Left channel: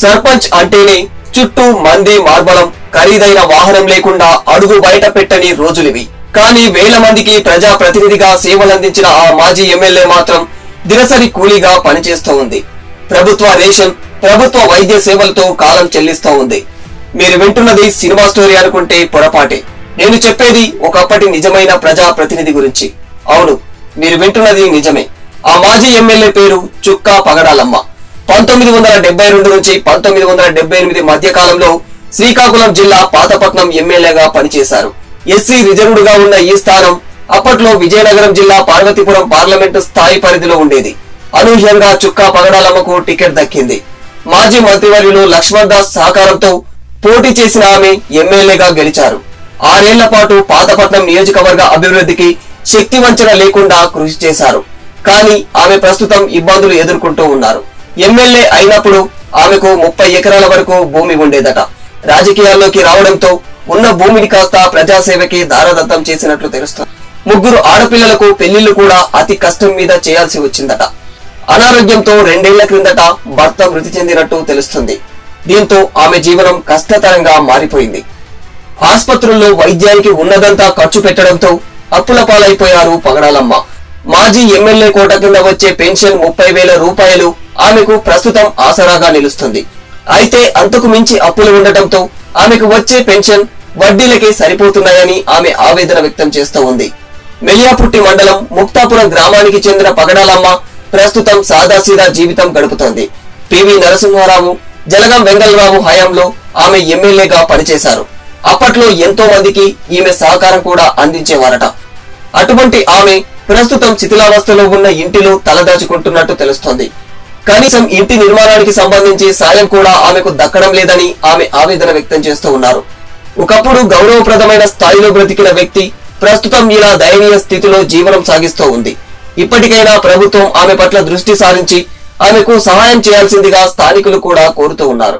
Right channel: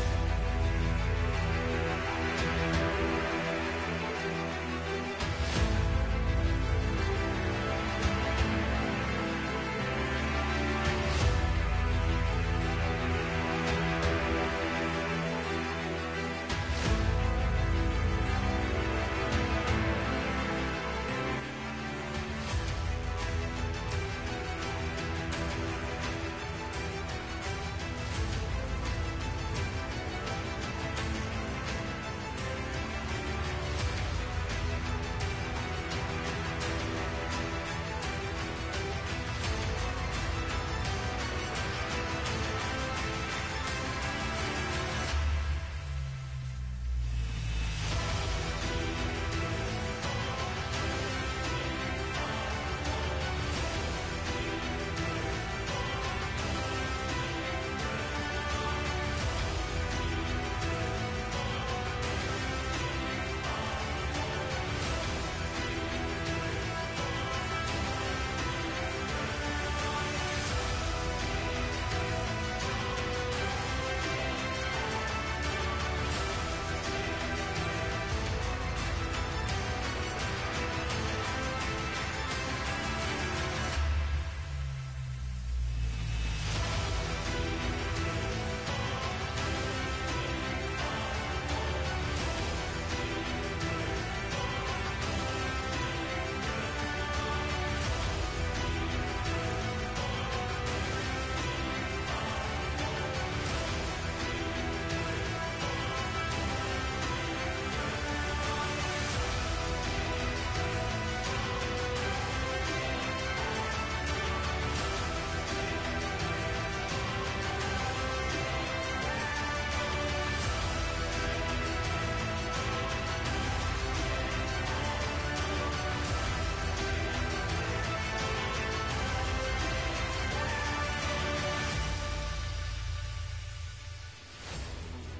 సర్పంచ్ అంటేనే చుట్టూ మంది మార్బలం, ఖరీదైన వాహనం లేకుండా అడుగు బయట పెట్టని రోజులివి. కానీ వేల మందికి ప్రజా ప్రతినిధిగా సేవలందించిన ఆ మాజీ ఎమ్మెల్యే మాత్రం దినసరి కూలీగా పనిచేస్తూ ఉంది. ప్రభుత్వ రేషన్, ప్రభుత్వ వైద్య సేవలతో కాలం చెల్లిస్తూ ఉంది. మీరు వింటున్నది సినిమా స్టోరీ అనుకుంటే పొరపాటే. నేను చెప్పేది ఒకప్పటి నిజమైన ప్రజా ప్రతినిధి గురించి. అవును, మీరు వింటున్నది నిజమే. ఆ మాజీ ఎమ్మెల్యే పేరు చుక్కా పగడాలమ్మ. 1972 నుంచి 1978 మధ్య కాలంలో శ్రీకాకుళం జిల్లా పాతపట్నం ఎమ్మెల్యేగా పనిచేశారు. ఎస్సీ రిజర్వ్డ్ గా ఉన్న ఈ స్థానం అప్పట్లో విజయనగరం జిల్లా పార్వతీపురం పార్లమెంటు స్థాయి పరిధిలో ఉండేది. అనూహ్యంగా చుక్కా పగడాలమ్మకు టికెట్ దక్కింది. మాజీ మంత్రివర్యులు లక్ష్మణ్ దాస్ సహకారంతో పోటీ చేసిన ఆమె ఎమ్మెల్యేగా గెలిచారు. 6 ఏళ్ల పాటు పాతపట్నం నియోజకవర్గ అభివృద్ధికి శక్తి వంచన లేకుండా కృషి చేశారు. కానీ ఆమె ప్రస్తుతం ఇబ్బందులు ఎదుర్కొంటూ ఉన్నారు. ఎమ్మెల్యే అయినప్పుడు ఆమెకు 30 ఎకరాల వరకు భూమి ఉండేదట. రాజకీయాల్లోకి రావడంతో ఉన్న భూమిని కాస్త ప్రజాసేవకి దారదత్తం చేసినట్లు తెలుస్తుంది. 3 ఆడపిల్లలకు పెళ్లిళ్లు కూడా అతి కష్టం మీద చేయాల్సి వచ్చిందట. అనారోగ్యంతో 2 ఏళ్ల క్రిందట భర్త మృతి చెందినట్టు తెలుస్తుంది. దీంతో ఆమె జీవనం కష్టతరంగా మారిపోయింది. ఆసుపత్రుల్లో వైద్యానికి ఉన్నదంతా ఖర్చు పెట్టడంతో అప్పుల పాలైపోయారు పగడాలమ్మ. మాజీ ఎమ్మెల్యే కోట కింద వచ్చే పెన్షన్ 30,000 రూపాయలు ఆమెకు ప్రస్తుతం ఆసరాగా నిలుస్తుంది. అయితే అంతకు మించి అప్పులు ఉండటంతో ఆమెకు వచ్చే పెన్షన్ వడ్డీలకే సరిపోతున్నాయని ఆమె ఆవేదన వ్యక్తం చేస్తూ ఉంది. మెలియాపుట్టి మండలం ముక్తాపురం గ్రామానికి చెందిన పగడాలమ్మ ప్రస్తుతం సాదాసీదా జీవితం గడుపుతోంది. పివి నరసింహారావు, జలగం వెంగళరావు హయాంలో ఆమె ఎమ్మెల్యేగా పనిచేశారు. అప్పట్లో ఎంతో మందికి ఈమె సహకారం కూడా అందించేవారట. అటువంటి ఆమె ప్రస్తుతం శిథిలావస్థలో ఉన్న ఇంటిలో తలదాచుకుంటున్నట్టు తెలుస్తోంది. కనీసం ఇంటి నిర్మాణానికి సంబంధించి సాయం కూడా ఆమెకు దక్కడం లేదని ఆమె ఆవేదన వ్యక్తం చేస్తూ ఉన్నారు. ఒకప్పుడు గౌరవప్రదమైన స్థాయిలో బ్రతికిన వ్యక్తి ప్రస్తుతం ఇలా దయనీయ స్థితిలో జీవనం సాగిస్తూ ఉంది. ఇప్పటికైనా ప్రభుత్వం ఆమె పట్ల దృష్టి సారించి ఆమెకు సహాయం చేయాల్సిందిగా స్థానికులు కూడా కోరుతూ ఉన్నారు.